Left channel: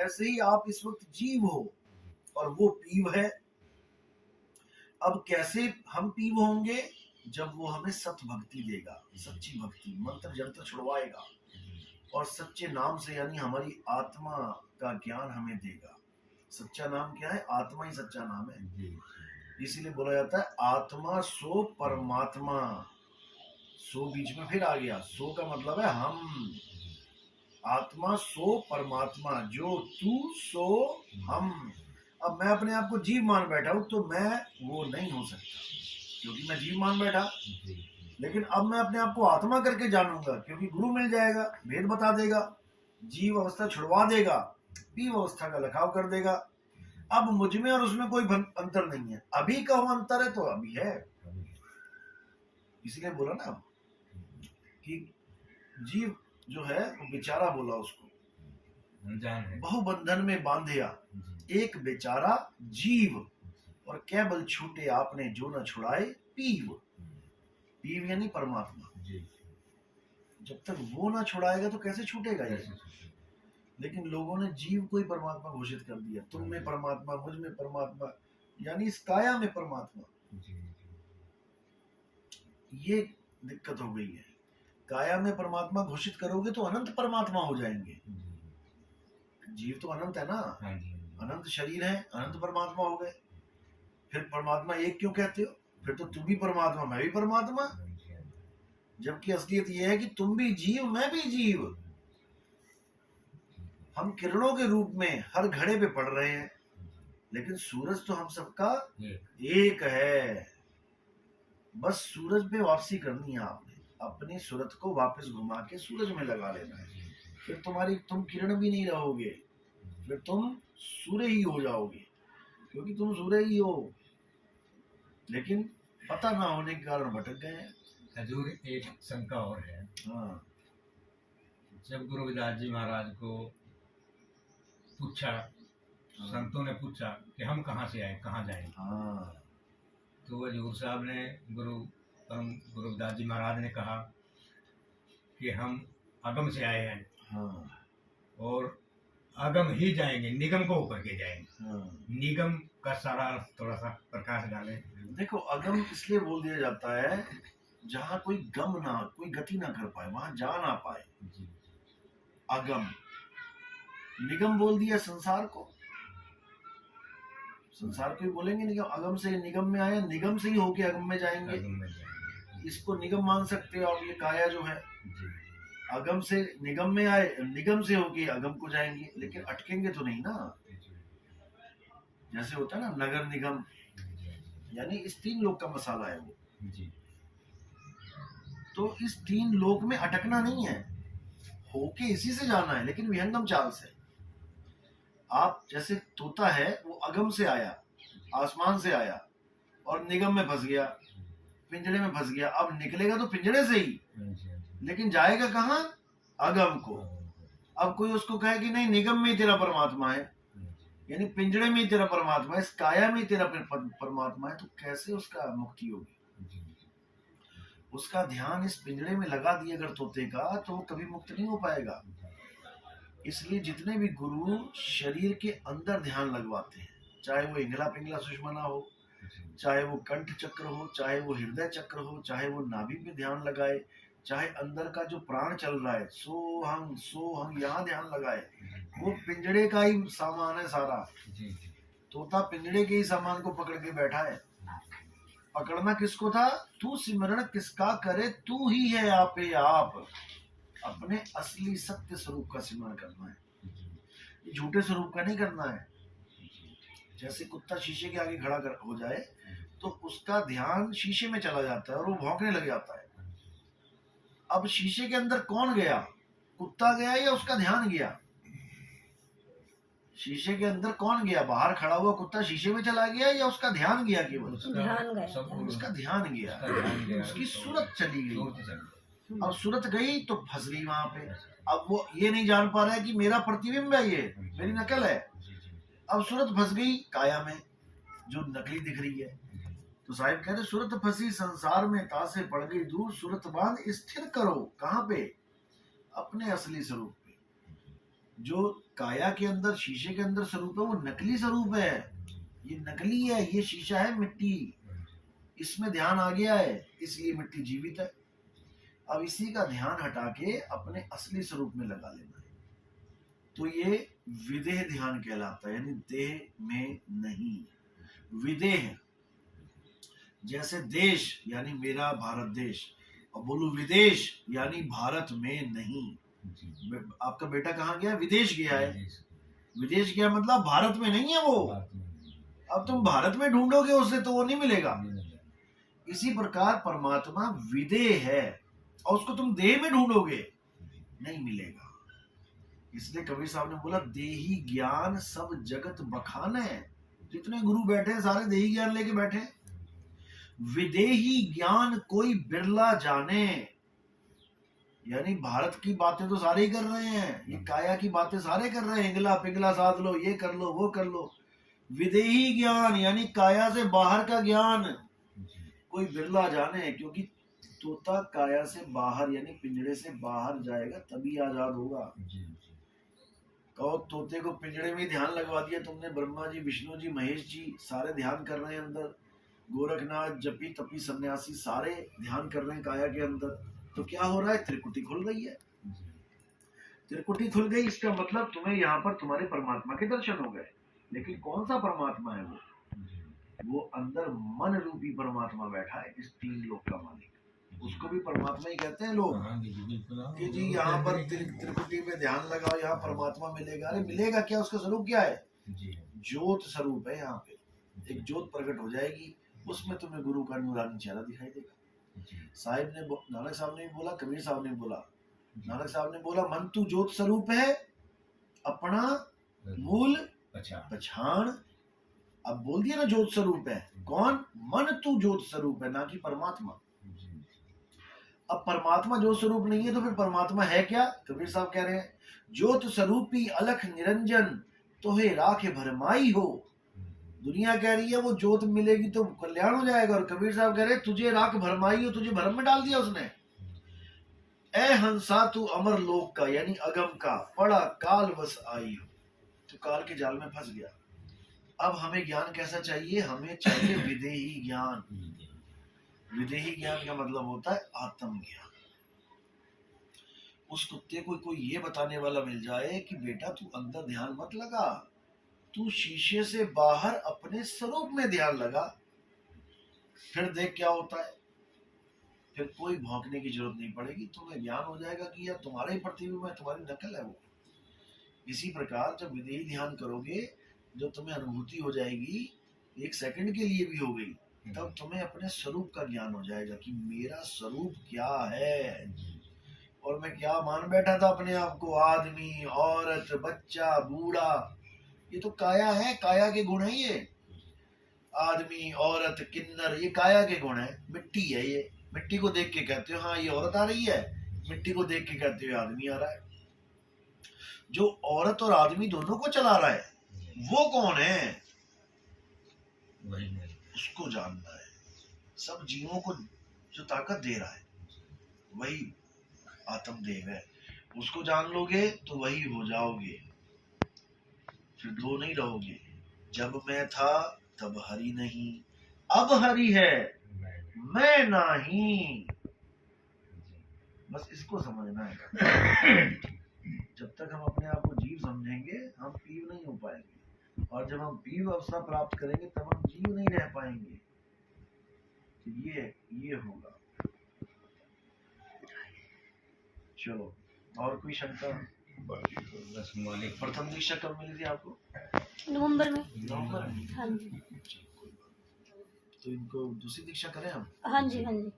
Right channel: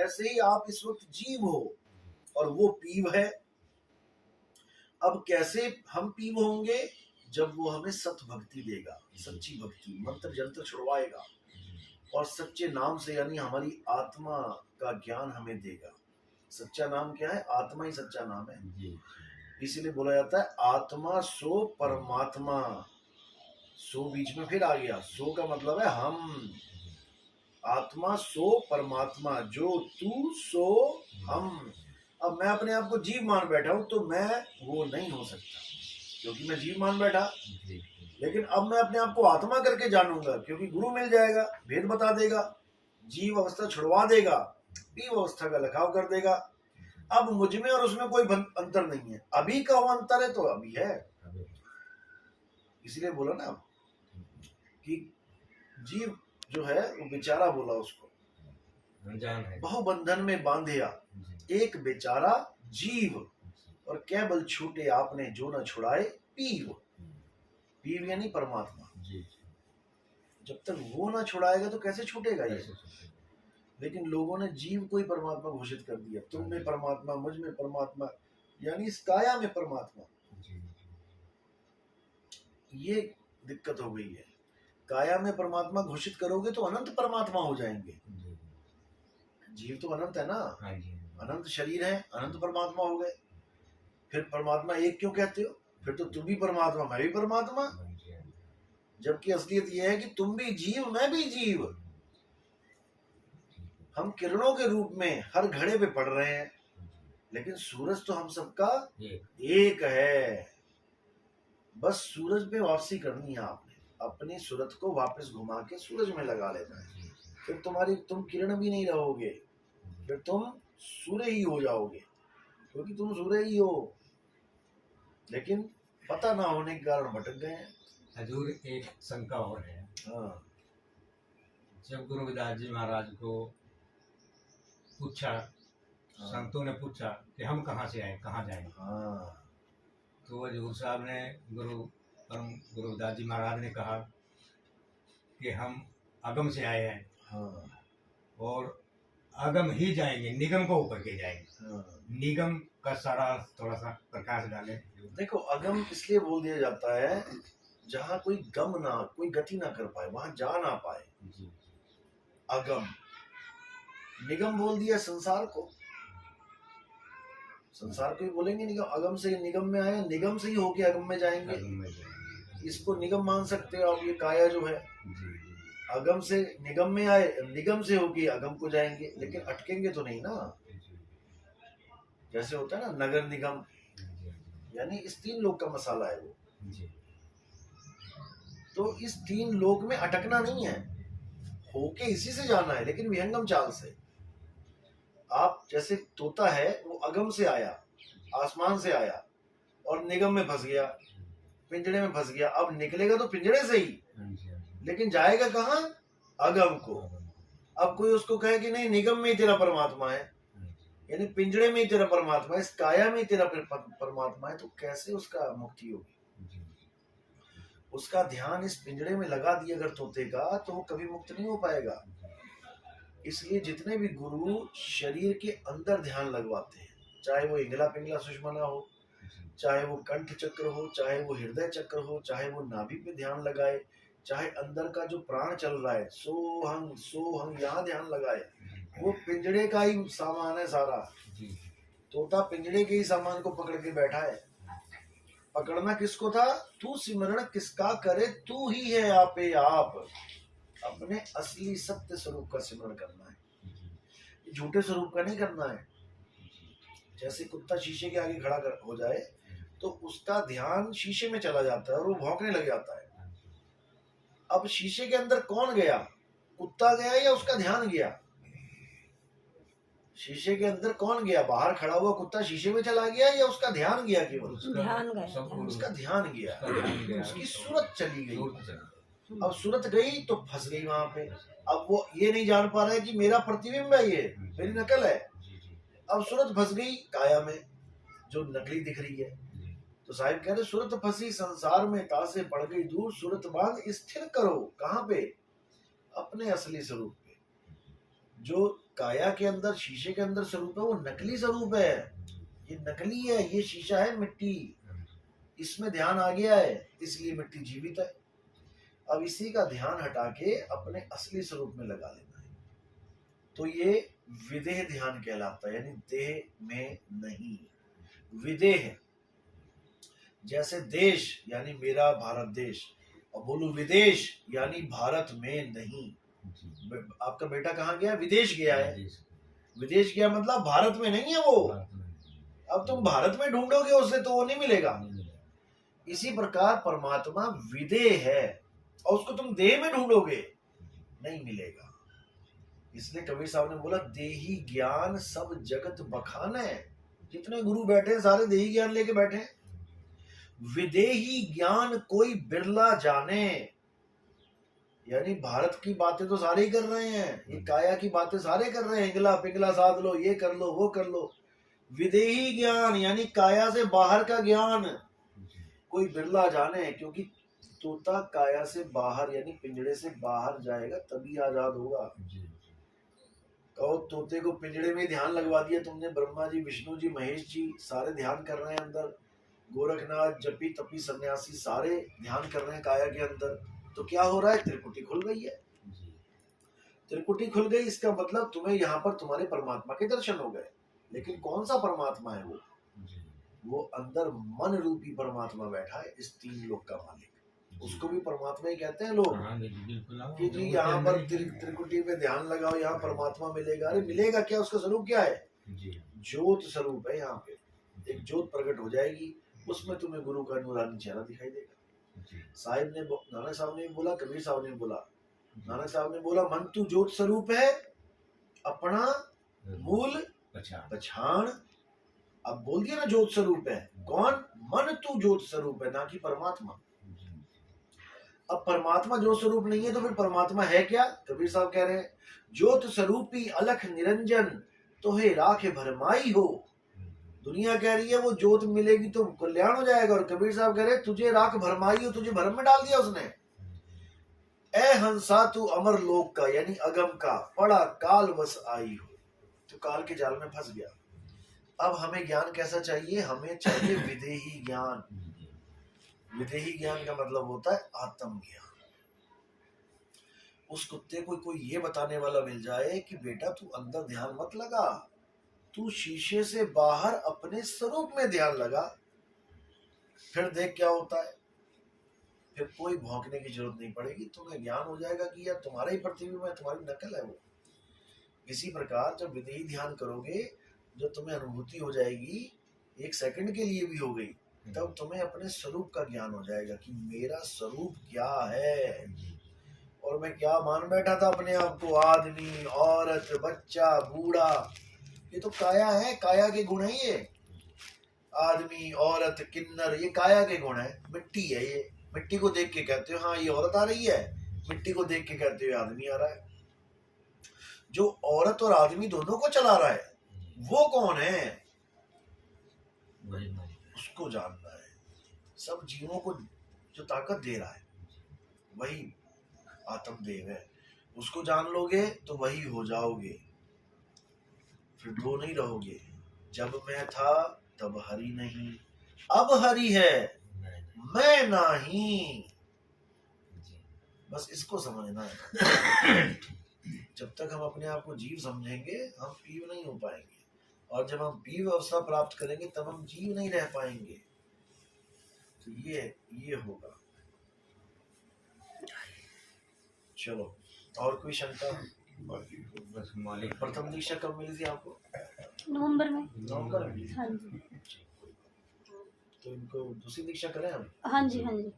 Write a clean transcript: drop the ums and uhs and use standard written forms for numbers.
ऐसे ही आप इस वक्त जीव हो और वो पीव है। अब कैसे हम पीव होंगे? जब वो हमें सत भक्ति देगा, सच्ची भक्ति, मंत्र जंत्र छुड़वाएगा और सच्चे नाम से, यानी हमारी आत्मा का ज्ञान हमें देगा। सच्चा नाम क्या है? आत्मा ही सच्चा नाम है। इसीलिए बोला जाता है आत्मा सो परमात्मा। सो बीच में फिर आ गया, सो का मतलब है हम। आत्मा सो परमात्मा, जो तू सो हम। अब मैं अपने आप को जीव मान बैठा हूं तो मैं वो नहीं हो सकता, क्योंकि मैं जीव मान बैठा। लेकिन अब मैं अपने आप को आत्मा करके जानूंगा, क्योंकि गुरु मिल जाएगा, भेद बता देगा, जीव अवस्था छुड़वा देगा, पीव अवस्था का लखाव कर देगा। अब मुझ में और उसमें कोई अंतर नहीं है। अभी का वो अंतर है तो अभी है। इसलिए बोला ना कि जीव जो है वो बेचारा, बोला उसको बहुबंधन में बांधिया एक बेचारा जीव, और क्या बल छूटे आपने जो न छुड़ाए पीव। पीव यानी परमात्मा। जब तक वो ना छुड़ाएगा तो कैसे छूटेगा ये? लेकिन लोगों ने जीव को ही परमात्मा घोषित कर दिया। तुम में परमात्मा, मुझ में परमात्मा, यानी इस काया में परमात्मा। ये दिक्कत हो गई है। काया में परमात्मा घोषित करोगे तो अनंत परमात्मा हो जाएंगे। जीव तो अनंत है ना, अनंत शरीर है, अनंत परमात्मा हो गए। फिर परमात्मा एक क्यों कहते हो? फिर तो तुम भी परमात्मा, मैं भी परमात्मा। जबकि असलियत यह है कि तुम भी जीव, मैं भी जीव। हम किरणों के रूप में हर घड़े पे पड़ रहे हैं, लेकिन सूरज तो हम सबका एक है। बस सूरज पे वापसी करनी है आपने, अपनी सूरत को वापस घुमा के सूरज में लगा लेना है। फिर तुम किरण भी नहीं रहोगे, फिर तुम सूर्य ही हो जाओगे, क्योंकि तुम सूर्य ही हो। लेकिन पता ना होने के कारण भटक गए हैं। हजूर, एक शंका और है। हाँ। जब गुरु रविदास जी महाराज को पूछा, संतों ने पूछा कि हम कहाँ से आए, कहाँ जाएंगे, तो हजूर साहब ने, गुरु रविदास जी महाराज ने कहा कि हम अगम से आए हैं और अगम ही जाएंगे, निगम को होकर के जाएंगे। निगम का सारा थोड़ा सा प्रकाश डालें। देखो, अगम इसलिए बोल दिया जाता है जहाँ कोई गम ना, कोई गति ना कर पाए, वहां जा ना पाए, अगम। निगम बोल दिया संसार को, संसार को ही बोलेंगे निगम। अगम से निगम में आए, निगम से ही होके अगम में जाएंगे। इसको निगम मान सकते हो आप। ये काया जो है, अगम से निगम में आए, निगम से होके अगम को जाएंगे, लेकिन अटकेंगे तो नहीं ना। जैसे होता है ना नगर निगम, यानी इस तीन लोक का मसाला है वो। तो इस तीन लोक में अटकना नहीं है, होके इसी से जाना है, लेकिन विहंगम चाल से। आप जैसे तोता है, वो अगम से आया, आसमान से आया और निगम में फंस गया, पिंजड़े में फंस गया। अब निकलेगा तो पिंजड़े से ही, लेकिन जाएगा कहाँ? अगम को। अब कोई उसको कहे कि नहीं, निगम में ही तेरा परमात्मा है, यानी पिंजड़े में ही तेरा परमात्मा है, इस काया में ही तेरा परमात्मा है, तो कैसे उसका मुक्ति होगी? उसका ध्यान इस पिंजड़े में लगा दिया अगर तोते का, तो वो कभी मुक्त नहीं हो पाएगा। इसलिए जितने भी गुरु शरीर के अंदर ध्यान लगवाते हैं, चाहे वो इंगला पिंगला सुषमना हो, चाहे वो कंठ चक्र हो, चाहे वो हृदय चक्र हो, चाहे वो नाभि पे ध्यान लगाए, चाहे अंदर का जो प्राण चल रहा है, सोहंग यहाँ ध्यान लगाए, वो पिंजड़े का ही सामान है सारा। तोता पिंजड़े के ही सामान को पकड़ के बैठा है। पकड़ना किसको था? तू सिमरण किसका करे, तू ही है आपे आप। अपने असली सत्य स्वरूप का सिमरण करना है, झूठे स्वरूप का नहीं करना है। जैसे कुत्ता शीशे के आगे खड़ा हो जाए तो उसका ध्यान शीशे में चला जाता है और वो भौंकने लग जाता है। अब शीशे के अंदर कौन गया? कुत्ता गया या उसका ध्यान गया? शीशे के अंदर कौन गया? बाहर खड़ा हुआ कुत्ता शीशे में चला गया या उसका ध्यान गया? केवल ध्यान गया, उसका ध्यान गया, उसकी सूरत चली गई। अब सूरत गई तो फंस गई वहां पे। अब वो ये नहीं जान पा रहा है कि मेरा प्रतिबिंब है, ये मेरी नकल है। अब सूरत फंस गई काया में, जो नकली दिख रही है। तो साहिब कह रहे, सूरत फंसी संसार में, तासे पड़ गई दूर, सूरत बांध स्थिर करो। कहाँ पे? अपने असली स्वरूप पे। जो काया के अंदर, शीशे के अंदर स्वरूप है, वो नकली स्वरूप है। ये नकली है, ये शीशा है मिट्टी, इसमें ध्यान आ गया है, इसलिए मिट्टी जीवित है। अब इसी का ध्यान हटा के अपने असली स्वरूप में लगा लेना है, तो ये विदेह ध्यान कहलाता है, यानी देह में नहीं, विदेह। जैसे देश यानी मेरा भारत देश, और बोलू विदेश यानी भारत में नहीं। आपका बेटा कहाँ गया? विदेश गया है। विदेश गया मतलब भारत में नहीं है वो। अब तुम भारत में ढूंढोगे उसे तो वो नहीं मिलेगा। इसी प्रकार परमात्मा विदेह है और उसको तुम देह में ढूंढोगे नहीं मिलेगा। इसलिए कबीर साहब ने बोला देही ज्ञान सब जगत बखान है। जितने गुरु बैठे हैं सारे देही ज्ञान लेके बैठे हैं। विदेही ज्ञान कोई बिरला जाने, यानी भारत की बातें तो सारे ही कर रहे हैं, ये काया की बातें सारे कर रहे हैं, हिंगला पिंगला साध लो, ये कर लो वो कर लो। विदेही ज्ञान यानी काया से बाहर का ज्ञान कोई बिरला जाने, क्योंकि तोता काया से बाहर यानी पिंजड़े से बाहर जाएगा तभी आजाद होगा। कहो तोते को पिंजड़े में ध्यान लगवा दिया तुमने, ब्रह्मा जी, विष्णु जी, महेश जी सारे ध्यान कर रहे हैं अंदर, गोरखनाथ, जपी तपी सन्यासी सारे ध्यान कर रहे हैं काया के अंदर, तो क्या हो रहा है? त्रिकुटी खुल गई है। त्रिकुटी खुल गई, इसका मतलब तुम्हें यहाँ पर तुम्हारे परमात्मा के दर्शन हो गए। लेकिन कौन सा परमात्मा है वो अंदर मन रूपी परमात्मा बैठा है, इस तीन लोक का मालिक। उसको भी परमात्मा ही कहते हैं लोग कि जी यहाँ पर त्रिकुटी में ध्यान लगाओ, यहाँ परमात्मा मिलेगा। अरे मिलेगा क्या? उसका स्वरूप क्या है? ज्योत स्वरूप है। यहाँ पे एक ज्योत प्रकट हो जाएगी, उसमें तुम्हें गुरु का नूरानी चेहरा दिखाई देगा। साहिब ने, नानक साहब ने बोला, कबीर साहब ने बोला, नानक साहब ने बोला मन तू ज्योत स्वरूप है, अपना मूल पछाण। अब बोल दिया ना ज्योत स्वरूप है। कौन? मन तू ज्योत स्वरूप है, ना कि परमात्मा। अब परमात्मा ज्योत स्वरूप नहीं है तो फिर परमात्मा है क्या? कबीर साहब कह रहे हैं ज्योत स्वरूपी अलख निरंजन तोहे राखे भरमाई हो। दुनिया कह रही है वो ज्योत मिलेगी तो कल्याण हो जाएगा, और कबीर साहब कह रहे तुझे राख भरमाई हो, तुझे भरम में डाल दिया उसने। ए हंसा तू अमर लोक का यानी अगम का, पड़ा काल बस आई हो, तो काल के जाल में फंस गया। अब हमें ज्ञान कैसा चाहिए? हमें चाहिए विदेही ज्ञान। विदेही ज्ञान का मतलब होता है आत्म ज्ञान। उस कुत्ते को कोई ये बताने वाला मिल जाए कि बेटा तू अंदर ध्यान मत लगा, तू शीशे से बाहर अपने स्वरूप में ध्यान लगा, फिर देख क्या होता है। फिर कोई भौंकने की जरूरत नहीं पड़ेगी, तुम्हें ज्ञान हो जाएगा कि यार तुम्हारे ही प्रतिबिंब है, तुम्हारी नकल है वो। इसी प्रकार जब विदेही ध्यान करोगे, जो तुम्हें अनुभूति हो जाएगी, एक सेकंड के लिए भी हो गई, तब तुम्हें अपने स्वरूप का ज्ञान हो जाएगा कि मेरा स्वरूप क्या है। और मैं क्या मान बैठा था अपने आप को, आदमी, औरत, बच्चा, बूढ़ा, ये तो काया है, काया के गुण है ये। आदमी, औरत, किन्नर, ये काया के गुण है, मिट्टी है ये। मिट्टी को देख के कहते हो हाँ ये औरत आ रही है, मिट्टी को देख के कहते हो आदमी आ रहा है। जो औरत और आदमी दोनों को चला रहा है वो कौन है? वही उसको जानना है। सब जीवों को जो ताकत दे रहा है वही आत्मदेव है। उसको जान लोगे तो वही हो जाओगे, फिर दो नहीं रहोगे। जब मैं था तब हरि नहीं, अब हरि है मैं नहीं। बस इसको समझना है। जब तक हम अपने आप को जीव समझेंगे हम पीव नहीं हो पाएंगे, और जब हम पीव अवस्था प्राप्त करेंगे तब हम जीव नहीं रह पाएंगे। तो ये होगा। चलो, और कोई शंका? बस मालिक। प्रथम दीक्षा कब मिली थी आपको? नवंबर में। नवंबर में? हाँ जी। तो इनको दूसरी दीक्षा करें हम? हाँ जी हाँ जी।